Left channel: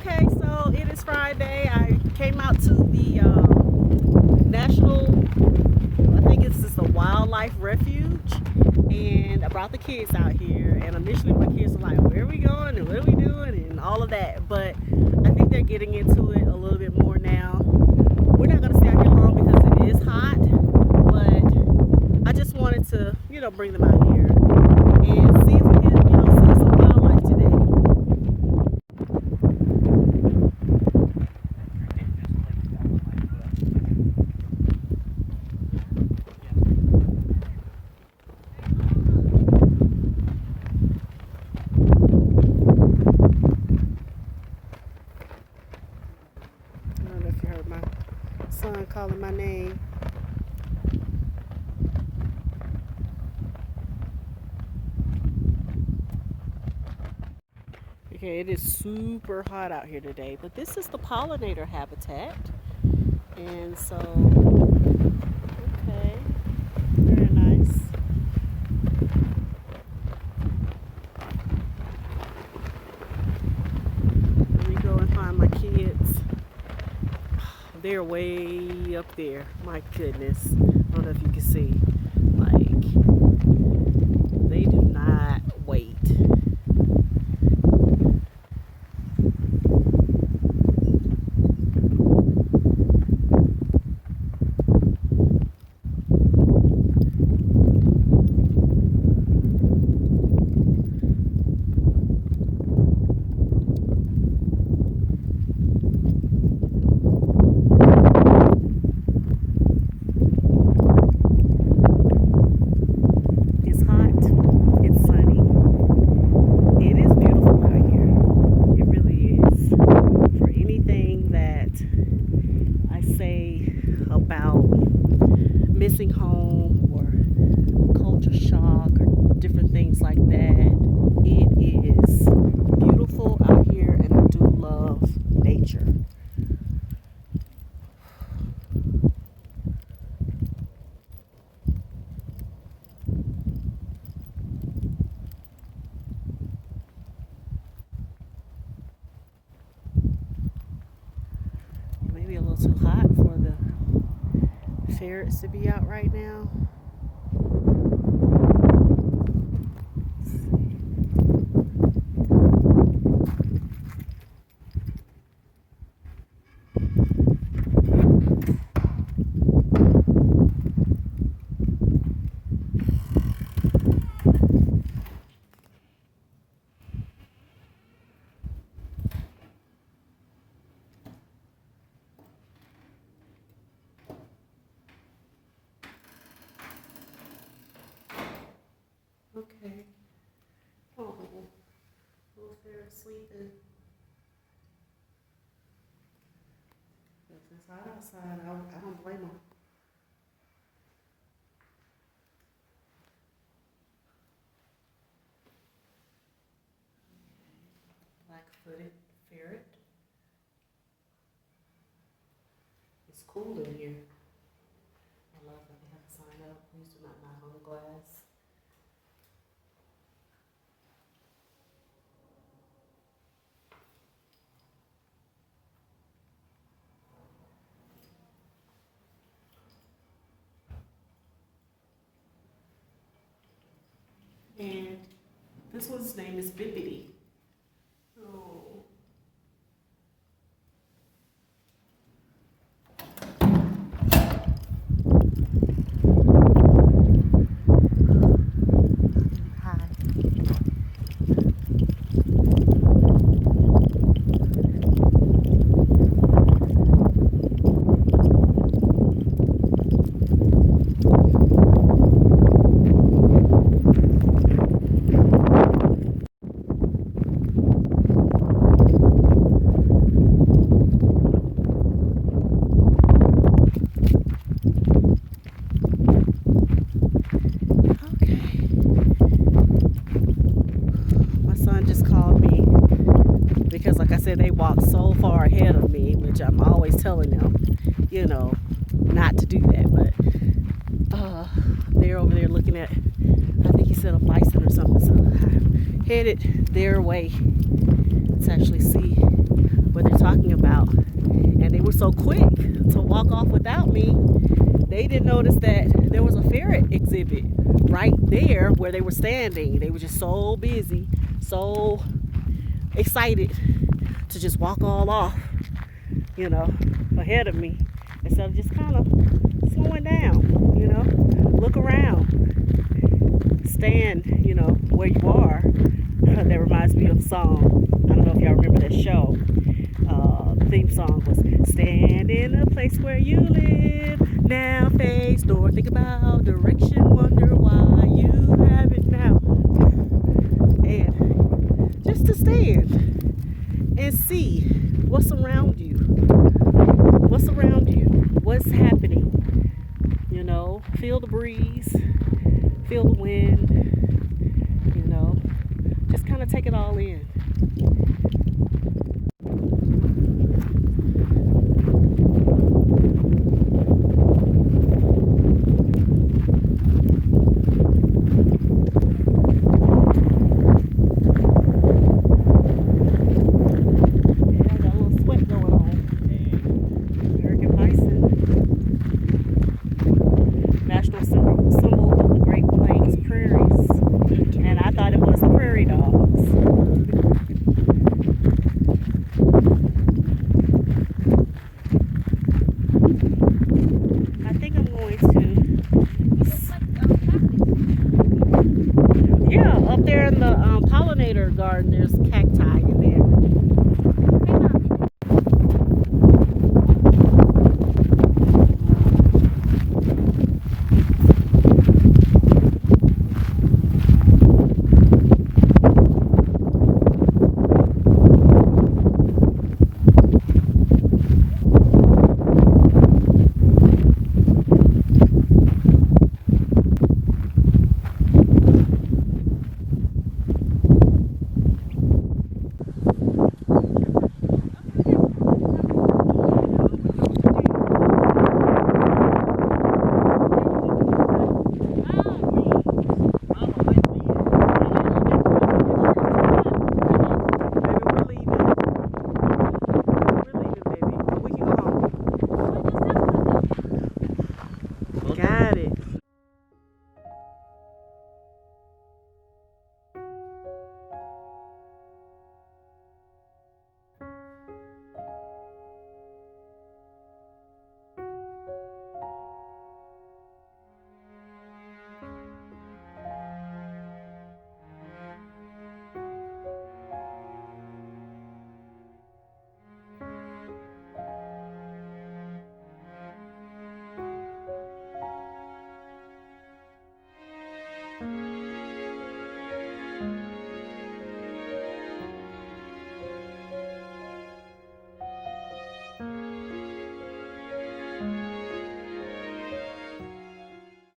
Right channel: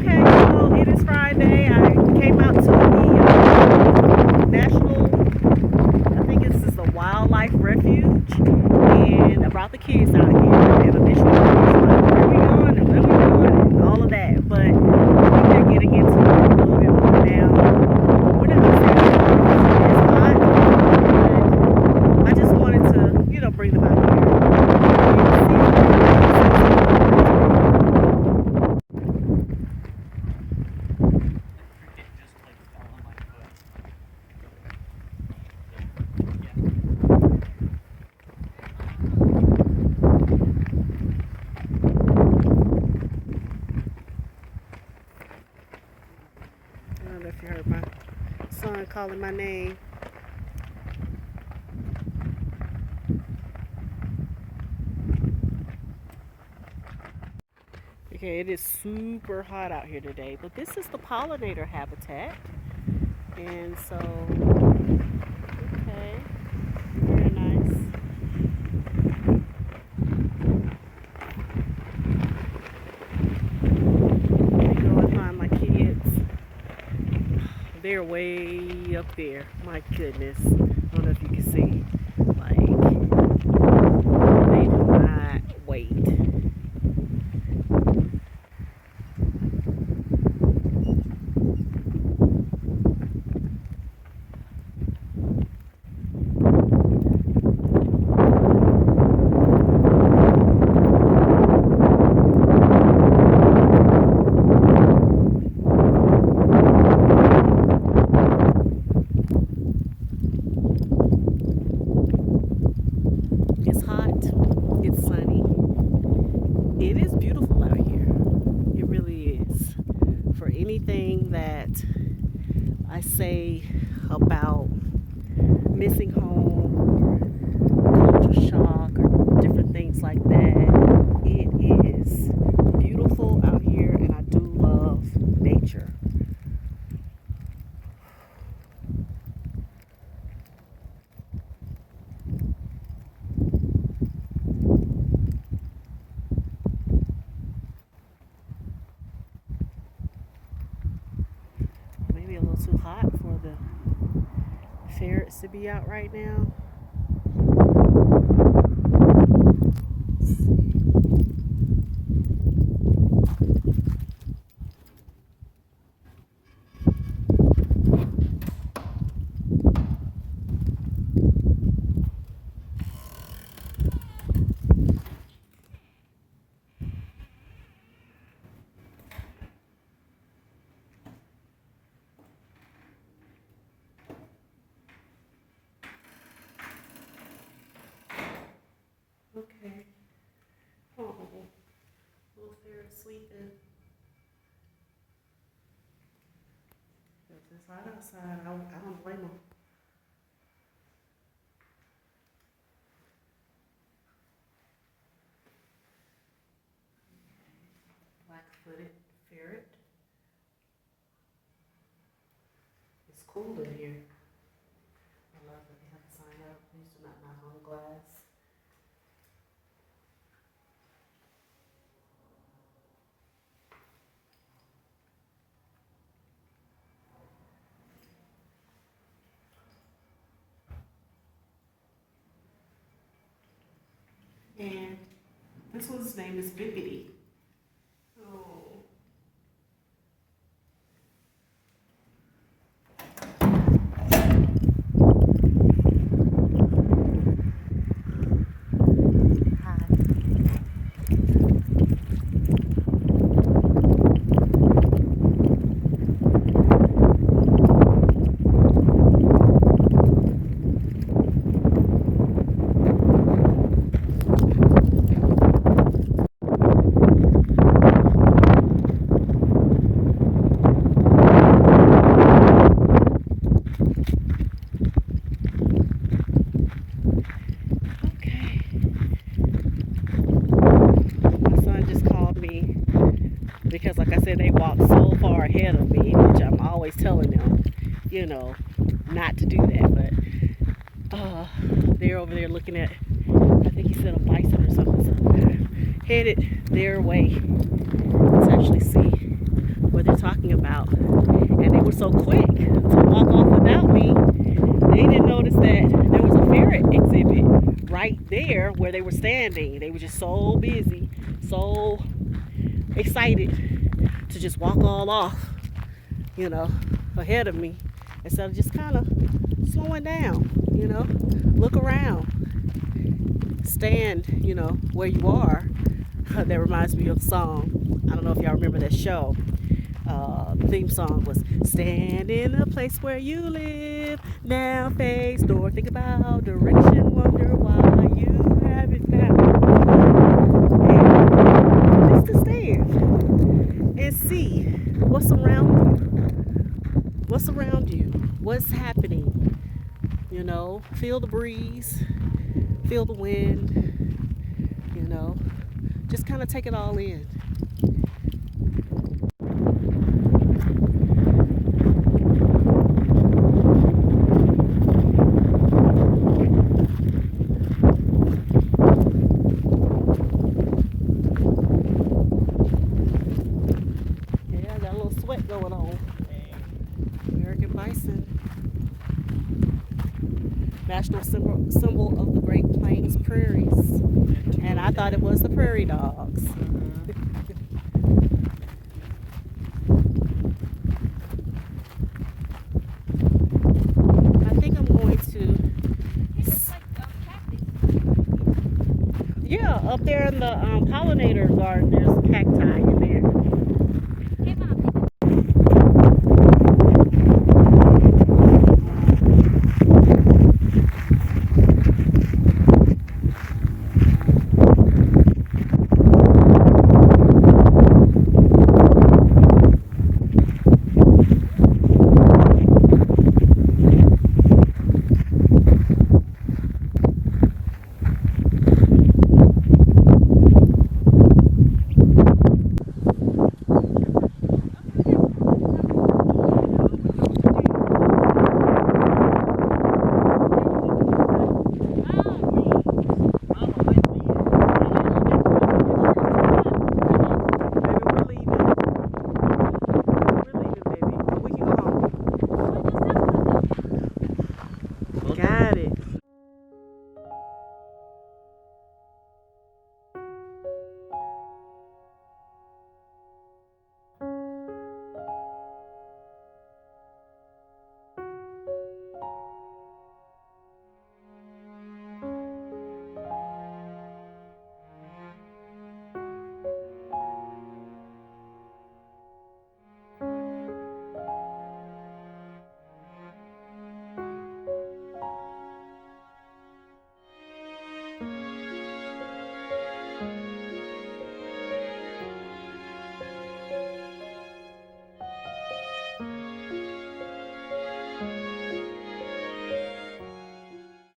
Okay, so it is Friday. I came out to the national, I think this is the Wildlife Refuge, and I brought the kids out here. And initially, the kids were like, where are we going and what are we doing and all of that. But I think they're getting into it a little bit more now. We're not going to stay too long because it is hot, but I just wanted to, bring them out here and see what I don't know if you heard my son calling my name. Okay, it is super hot out here today, but this is the pollinator habitat. And so, okay, very nice. Let me go and find my kids. They're way up there. My goodness. I don't know if you can see. Like, they do not wait. It's hot, it's sunny, it is beautiful out here, it really is. For anything that I say about missing home or culture shock or different things like that, it is beautiful out here and I do love nature. Maybe a little too hot for the ferrets to be out right now. Let's see. Okay. Oh, little ferret sleeping. If it's hot outside, I don't blame them. Black-footed ferret. It's cool in here. I love that they have a sign up. Please do not knock on the glass. And this one's name is Bippity. Oh. Hi. Because like I said, they walk so far ahead of me, which I'm always telling them, not to do that. But they're over there looking at, I think he said a bison or something. So I'm headed their way to actually see talking about. And they were so quick to walk off without me, they didn't notice that there was a ferret exhibit right there where they were standing. They were just so busy, so excited to just walk all off, you know, ahead of me, instead of just kind of slowing down, you know, look around, stand, you know, where you are. That reminds me of a song. I don't know if y'all remember that show. The theme song was "Stand in the place where you live. Now face north. Think about direction. Wonder why you have it now." And just to stand and see what's around you. What's around you? What's happening? You know, feel the breeze, feel the wind. You know, just kind of take it all in. National symbol of the Great Plains prairies, and I thought it was the prairie dogs. I think I'm going to, yeah, up there in the pollinator garden there's cacti